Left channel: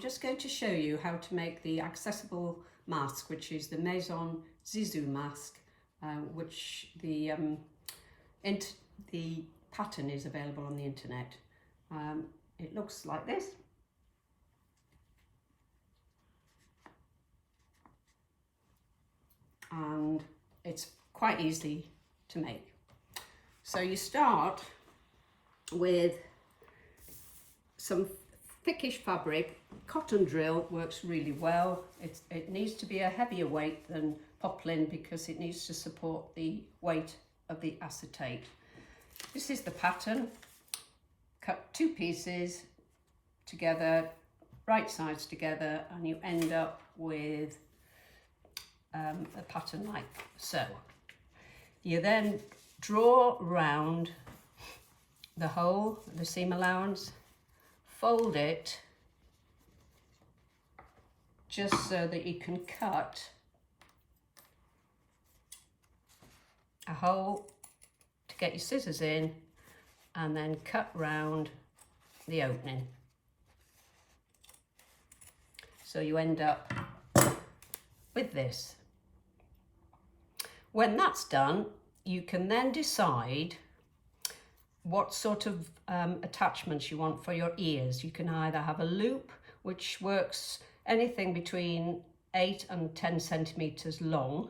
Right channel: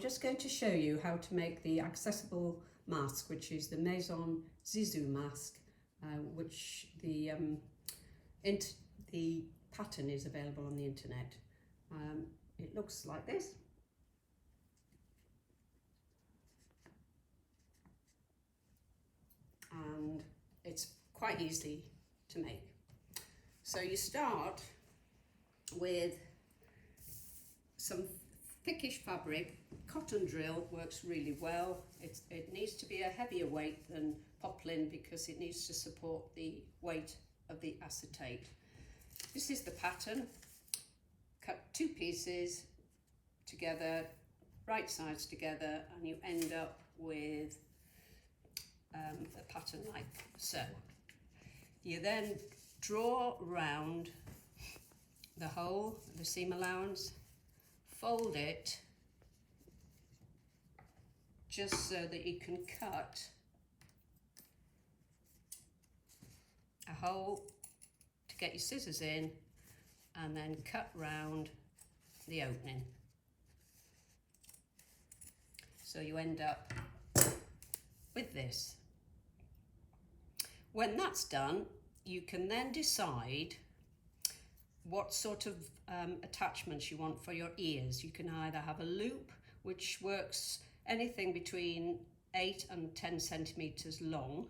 just going to show you how to make the accessible mask, which is the Maison Zizou mask, which the pattern is available on the internet. It looks like this. And it's quite easy to make. So you start with some thickish fabric. Cotton drill works really well. It needs to be a heavier weight than poplin because it needs to support the weight of the acetate. This is the pattern. Cut two pieces together, right sides together, and you end up with a pattern like so. You then draw round the hole, the seam allowance, fold it just so that you can cut a hole to get your scissors in, and then cut round the opening. So you end up with this. When that's done, you can then decide what sort of attachments you want for your ears. You can either have a loop, which works anything between 8 and 10 centimeters long.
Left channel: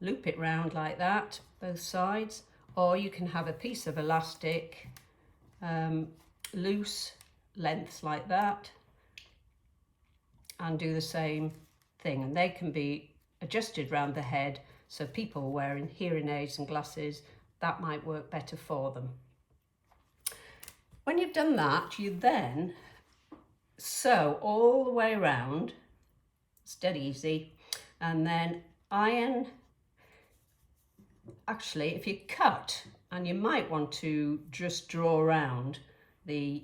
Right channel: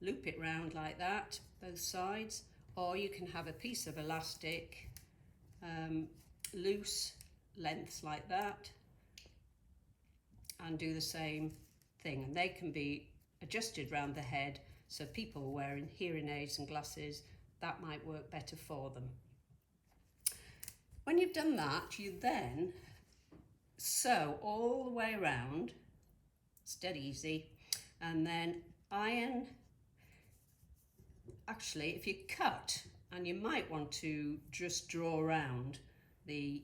Loop it round like that, both sides, or you can have a piece of elastic, loose lengths like that, and do the same thing. And they can be adjusted round the head, so people wearing hearing aids and glasses, that might work better for them. When you've done that, you then sew all the way around. It's dead easy. And then iron. Actually, if you cut, and you might want to just draw around the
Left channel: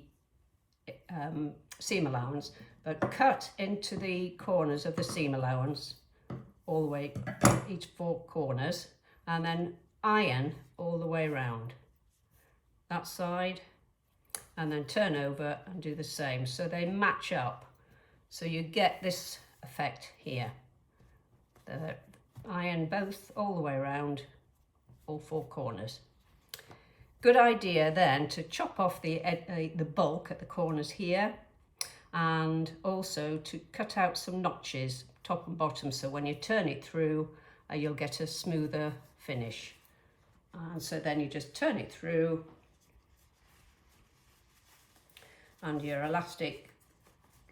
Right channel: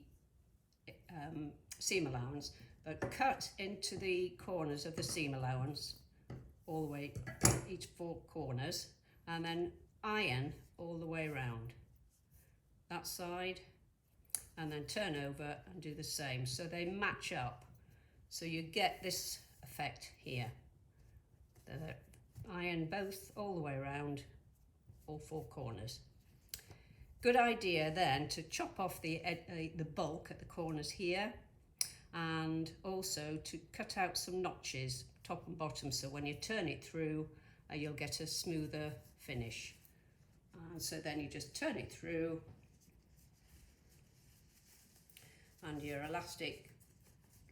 seam allowance, but cut into the corners of the seam allowance, all the way, each 4 corners, and then iron all the way around that side, and then turn over and do the same, so they match up, so you get this effect here. The iron both all the way around all 4 corners. Good idea then to chop off the bulk at the corners here, and also to cut out some notches top and bottom, so when you turn it through you'll get a smoother finish. And so then you just turn it through and your elastic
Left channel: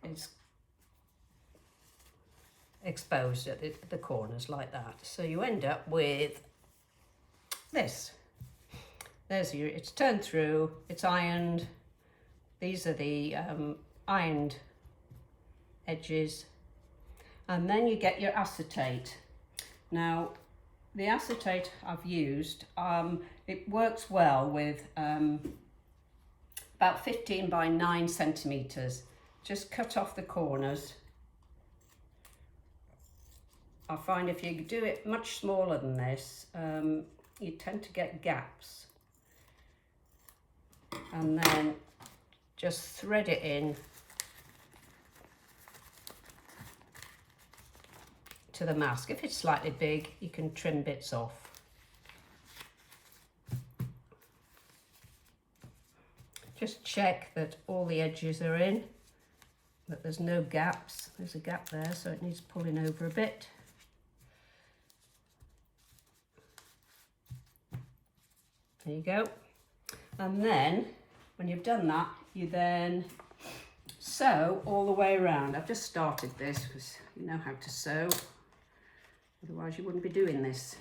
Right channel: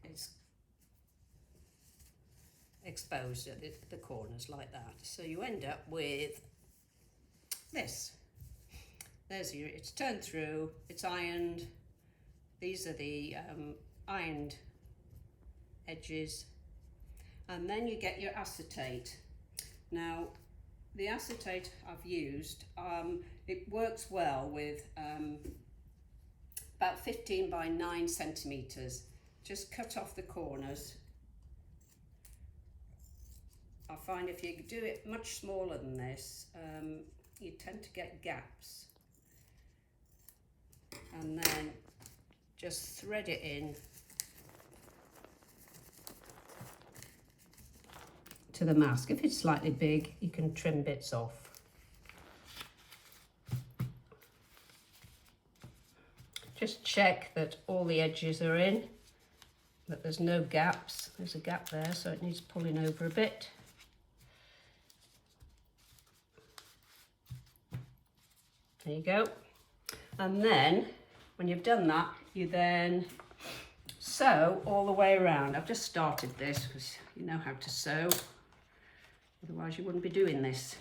is exposed at the corners like that. So you end up with this. It's turned through, it's ironed. These are the ironed edges. And then you get your acetate. Now, the acetate I've used, it works well with about 15 by 9 centimeters. Just cut off the corners. I find if you do it much smaller than this, you tend to get gaps. And then just thread it in to the mask. If it's slightly big, you can trim bits off. Just check that all the edges are in, that there's no gaps. There's a gap there, so it needs pulling over a bit. There you go. And then when you've done that, you then sew all the way around. I've just started this because you know how to sew, otherwise you wouldn't be doing this.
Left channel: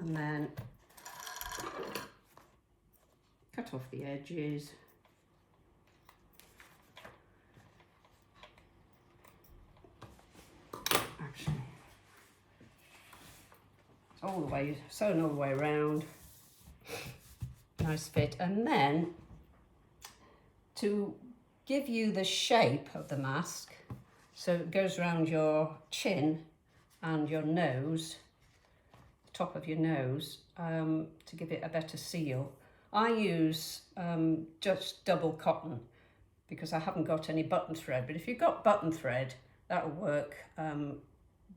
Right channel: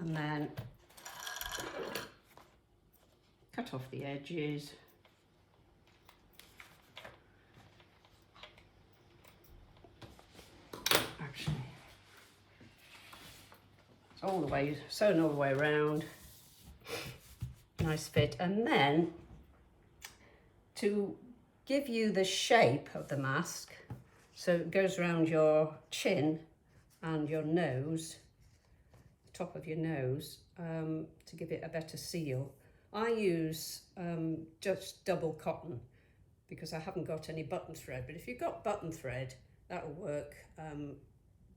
And then cut off the edges. Actually, it's all the way sewn all the way around. Nice fit. And then to give you the shape of the mask, so it goes around your chin and your nose, top of your nose to give it a better seal. I use just double cotton because I haven't got any button thread, but if you've got button thread, that'll work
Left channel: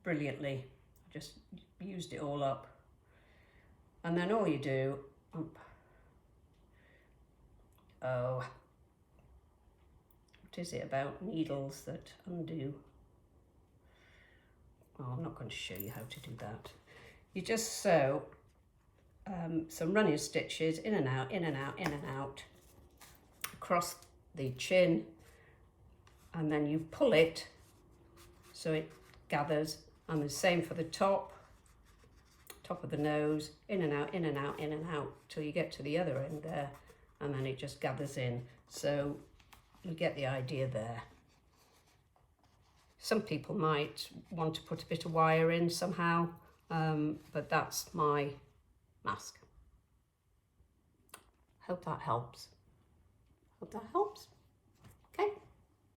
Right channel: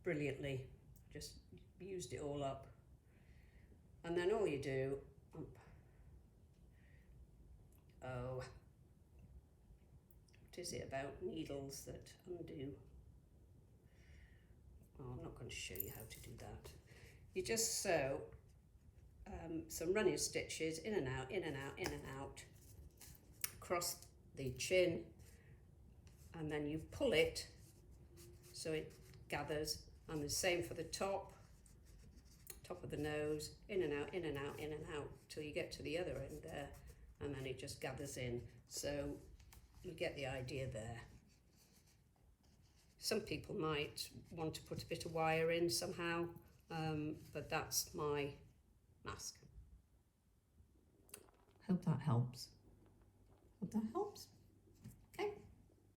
brilliantly. Just used it all up. And then all you do, oh, what is it about needles that undo? Oh, I'm not going to show you how to do that. You just sew some running stitches in and out, in and out, in and out, across the chin, and then you pull it so it gathers, and the same for the top of the nose, in and out, in and out, in and out, till you get to the other end there, and then it just gathers in. So you get the idea there. Some people might want to put a bit of wire in somehow, but that's my mask. Hope that helps. Hope that helps.